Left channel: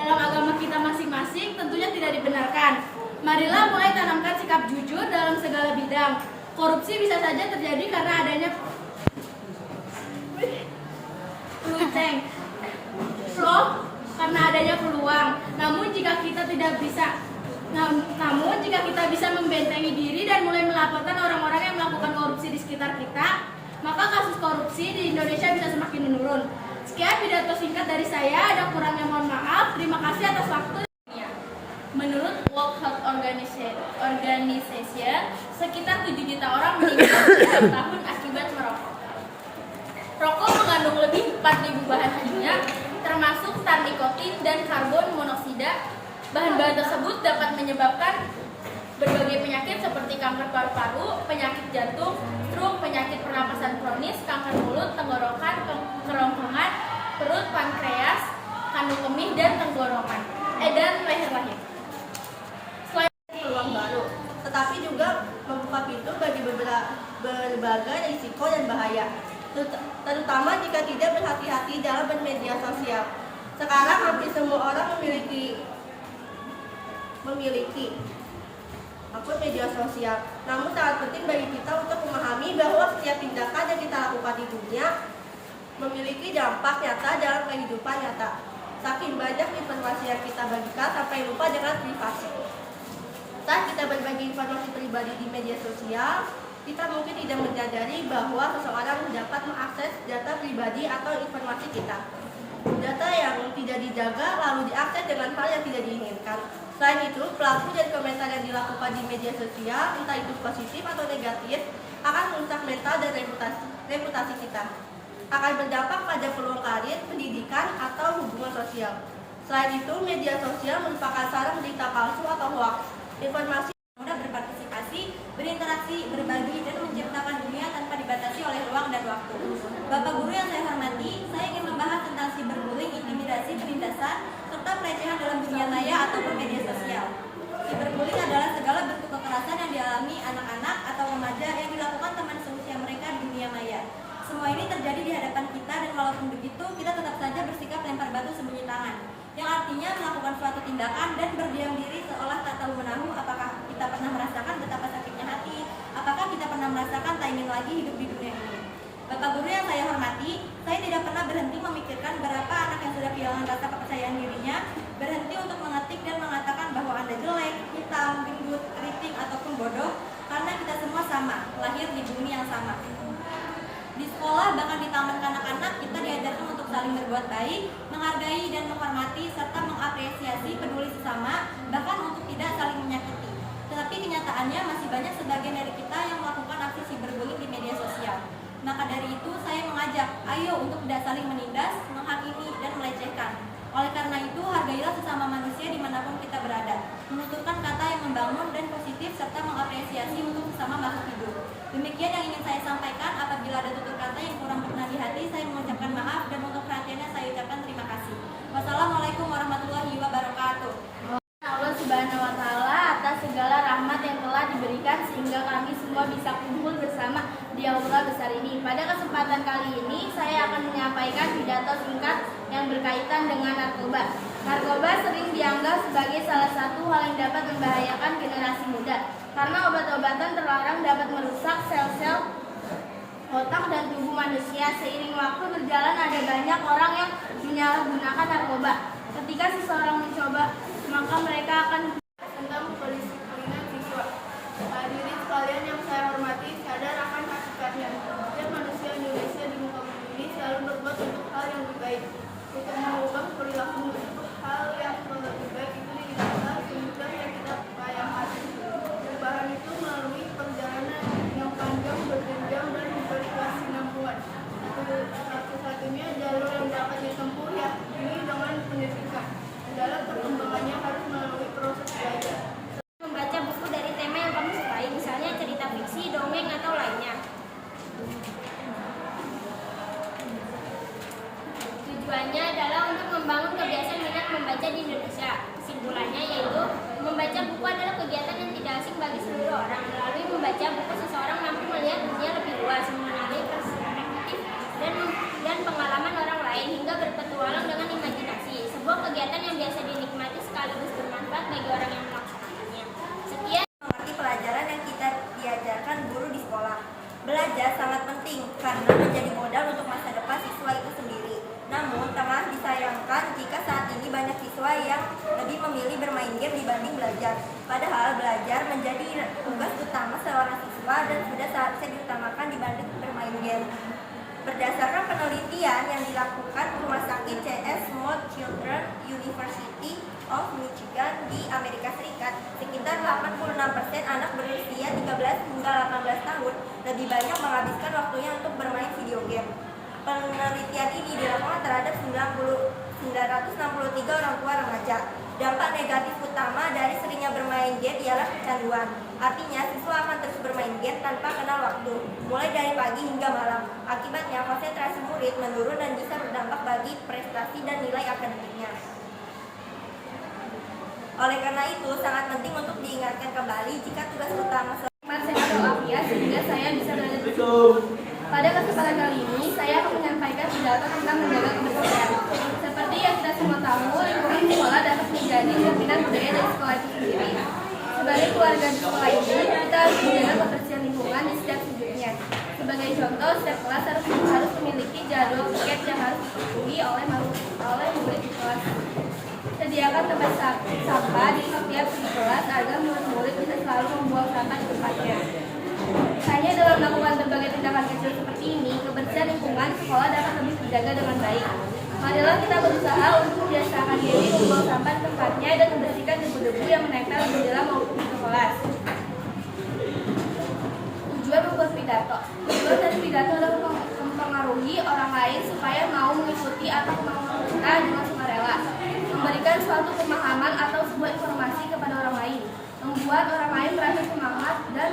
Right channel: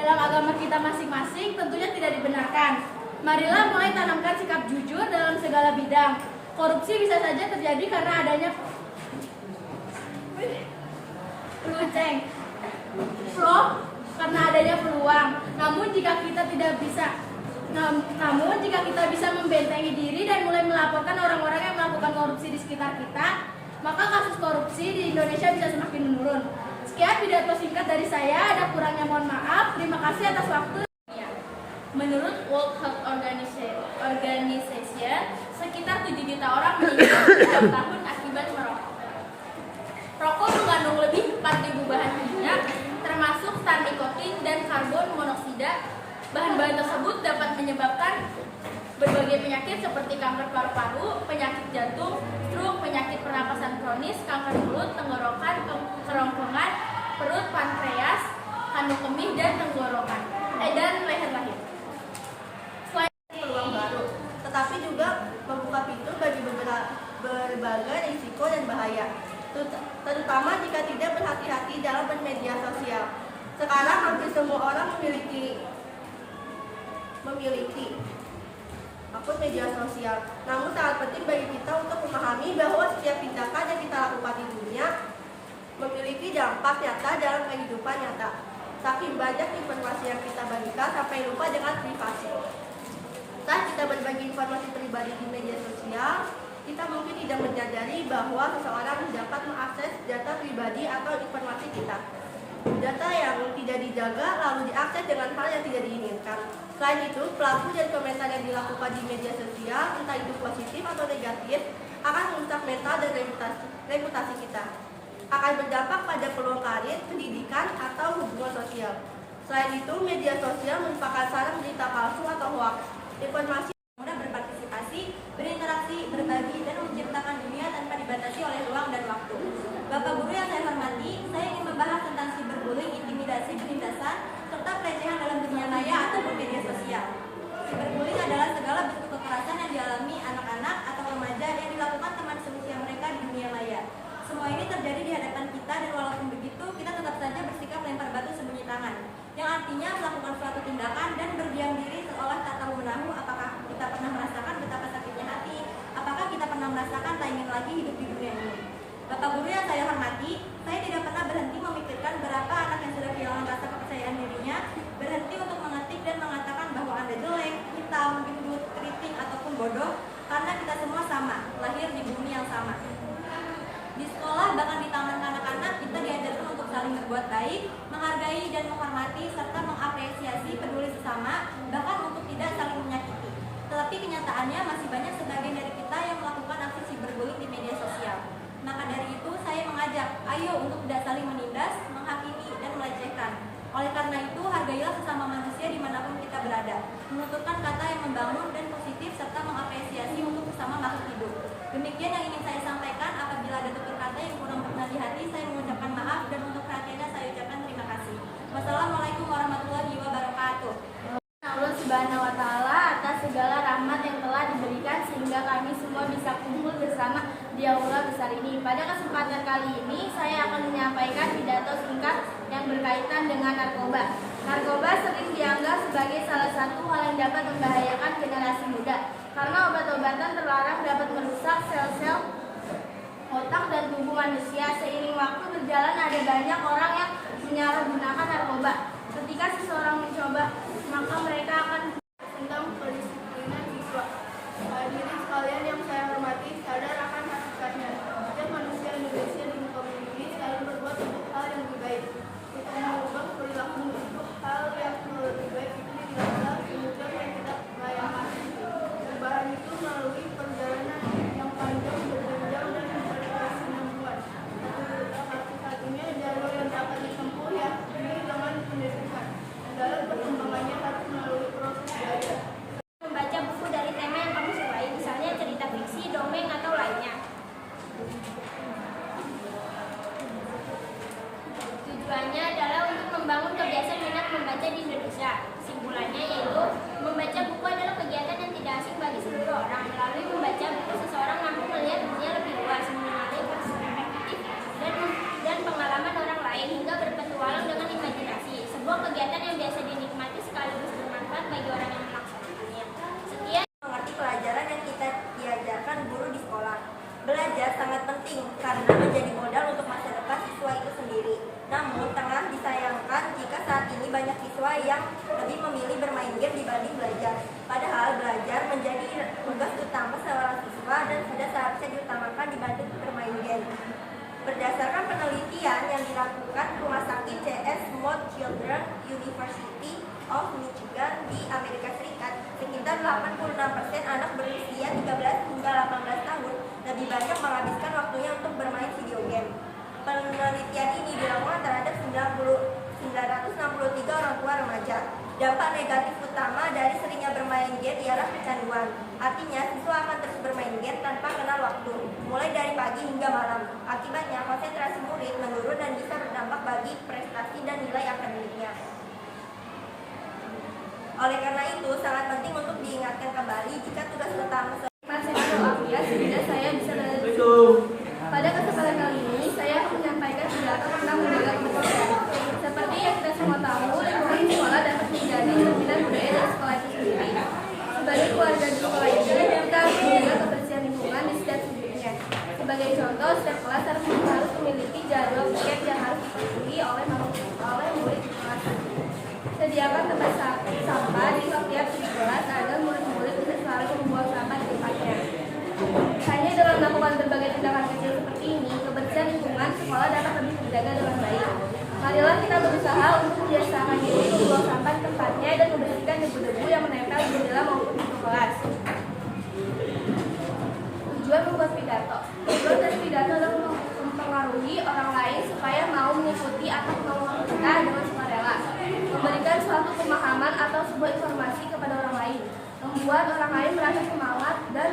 dalam agama kita masing-masing tentunya tidak dibenarkan. Marilah mulai tanamkan sikap jujur dalam segala bidang. Korupsi bisa saja terjadi karena adanya karena adanya peluang. Namun jika kita bisa membentengi diri dan mulai melaporkan orang-orang yang melakukan korupsi di sekitar kita, maka kasus korupsi di Indonesia bisa semakin menurun. Sekian pidato singkat dari saya, ada kurangnya mohon maaf. Terima kasih atas waktu. Menurut World Health Organization, sekitar 7 juta orang meninggal setiap tahun akibat merokok. Rokok mengandung lebih 4.000 bahan kimia, termasuk tar nikotin dan karbon monoksida. Bahan-bahan tersebut dapat menyebabkan berbagai penyakit seperti kanker paru-paru, penyakit jantung, stroke, penyakit pernapasan kronis, kanker mulut, tenggorokan, kerongkongan, perut, pankreas, kandung kemih, dan tenggorokan, dan leher-leher. Selain peluang baru, tetapi juga membuka pintu bagi berbagai risiko dan bahaya, terutama jika tidak berhati-hati dalam bermedia sosial. Sekarang hampir semua orang memiliki akun media sosial. Namun sangat penting bagi kita untuk memahami bahwa setiap tindakan yang kita lakukan di dunia memiliki dampak nyata dalam kehidupan nyata. Saking banyak informasi yang kita bagikan sampai lupa dengan privasi. Saat kita berbagi informasi pribadi di media sosial, kita mungkin tidak menyadari bahwa seseorang dapat mengakses data pribadi atau informasi kita. Data yang tidak dijaga lalu diakses dengan hal yang tidak diinginkan. Selain itu, pelaku dan komentar yang dilakukan di media sosial, entah itu positif atau negatif, akan merusak mental dan reputasi kita. Akan berdampak pada peluang karir, pendidikan, atau hubungan sosial. Selain itu, media sosial merupakan sarang berita palsu atau hoax. Informasi mudah berpartisipasi, berinteraksi, berbagi, dan menciptakan dunia tanpa dibatasi oleh ruang dan waktu. Bapak Guru yang saya hormati, saya ingin membahas tentang cyberbullying, intimidasi, penindasan, serta pelecehan dalam dunia maya ataupun media sosial. Cyberbullying adalah segala bentuk kekerasan yang dialami anak-anak atau remaja yang dilakukan teman seusia mereka di dunia maya. Semua ini terjadi di hadapan kita dan walaupun begitu, kita tetap saja bersikap lempar batu sembunyi tangan. Yang artinya melakukan suatu tindakan dan berdiam diri seolah tak tahu menahu apakah kita pernah merasakan betapa sakitnya hati, apakah kita pernah merasakan tak ingin lagi hidup di dunia ini. Bapak Guru yang saya hormati, saya tidak pernah berhenti memikirkan berapa anak yang sudah kehilangan rasa kepercayaan dirinya, berhenti untuk mengetik dan mengatakan bahwa Anda jelek, hitam, gendut, keriting, ataupun bodoh, karena kita semua sama, lahir di bumi yang sama. Di sekolah, bahkan di taman kanak-kanak, kita diajarkan untuk saling berbuat baik, menghargai dan menghormati, serta mengapresiasi peduli sesama, bahkan untuk tidak saling menyakiti. Tetapi kenyataannya masih banyak sebagian dari kita yang melakukan aksi cyberbullying di media sosial. Maka dari itu, saya mengajak, ayo untuk tidak saling menindas, menghakimi, dan melecehkan. Oleh karena itu, hargailah sesama manusia dimanapun kita berada, menuturkan kata yang membangun dan positif, serta mengapresiasi untuk sesama makhluk hidup. Demikian yang ingin saya sampaikan. Apabila ada tutur kata yang kurang berkenan di hati, saya mengucapkan maaf, dan untuk perhatiannya saya ucapkan terima kasih. Wassalamualaikum warahmatullahi wabarakatuh. Allah Subhanahu wa Ta'ala atas segala rahmat yang telah diberikan sehingga kami semua bisa kumpul bersama di aula besar ini. Pada kesempatan kali ini saya akan menyampaikan pidato singkat yang berkaitan dengan narkoba. Narkoba sering dianggap sebagai salah satu hal yang dapat membahayakan generasi muda karena obat-obatan terlarang dapat merusak sel-sel otak dan tubuh manusia. Seiring waktu berjalan ada banyak orang yang menyalahgunakan narkoba. Ketika seseorang mencoba, maka mereka akan tentang kedisiplinan siswa. Hadirin sekalian yang saya hormati, sadar akan hakikatnya. Setiap manusia Indonesia di muka bumi ini selalu berbuat untuk hal yang lebih baik. Untuk mengubah perilaku untuk hal yang lebih baik itu tidaklah semudah yang kita bayangkan. Perubahan itu melalui perjalanan yang panjang, berjenjang, dan berkesinambungan. Satu-satunya jalur yang dapat ditempuh yakni dengan pendidikan. Dalam perkembangannya harus melalui proses belajar. Membaca buku dari tema yang kamu sukai, misalnya cerita fiksi, dongeng, atau lainnya. Tujuannya adalah untuk membangun kebiasaan minat membaca di Indonesia. Kesimpulannya yaitu membaca buku adalah kegiatan yang tidak asing bagi seluruh orang. Melalui membaca buku, seseorang mampu melihat dunia lebih luas, mengenali perspektif dan pengalaman orang lain hingga berpetualang dengan imajinasi. Sebuah kegiatan yang biasa siswa yang lebih memilih bermain game dibanding belajar. Padahal belajar menjadi tugas utama seorang siswa dan sudah seharusnya diutamakan dibanding bermain game. Berdasarkan penelitian yang dilakukan Rumah Sakit C.S. Mott Children's University of Michigan di Amerika Serikat, sekitar 86% anak berusia 13 hingga 18 tahun lebih banyak menghabiskan waktunya untuk bermain video game. Penelitian ini dilakukan terhadap 963 orang tua remaja. Dampak negatif utama dari seringnya bermain game ialah kecanduan. Artinya, siswa akan terus bermain game tanpa kenal waktu, mulai dari pagi hingga malam. Akibatnya, konsentrasi murid menurun dan bisa berdampak bagi prestasi dan nilai akademiknya. Oleh karena itu, sangat penting untuk diingatkan kembali jika tugas utama Sehat walafiat sehingga saya bisa berada di sini. Pada kesempatan kali ini, saya akan menyampaikan pidato tentang menjaga kebersihan. Seperti yang kita semua tahu, lingkungan sekolah dapat menjadi cerminan budaya dari sekolah itu sendiri. Sebagai keluarga di sekolah ini, kita harus menjaga kebersihan lingkungan di setiap sudutnya. Sebagai contoh, setiap kelas harus memiliki jadwal piket yang harus dipenuhi oleh murid di kelas. Sediakan tempat sampah di setiap kelas agar murid-murid bisa selalu membuang sampah di tempatnya. Hanya dalam melakukan berbagai tindakan kecil seperti ini, kebersihan lingkungan sekolah dapat lebih terjaga dengan baik. Marilah kita berusaha untuk membiasakan diri membuang sampah di tempatnya dan membersihkan debu-debu yang menempel di jendela maupun pintu kelas. Tujuan membuat pidato. Tujuan dari pidato adalah mempengaruhi orang lain supaya mau mengikuti apa kemauan kita dengan sukarela. Memberikan suatu pemahaman atau sebuah informasi kepada orang lain, membuat orang lain merasa semangat dan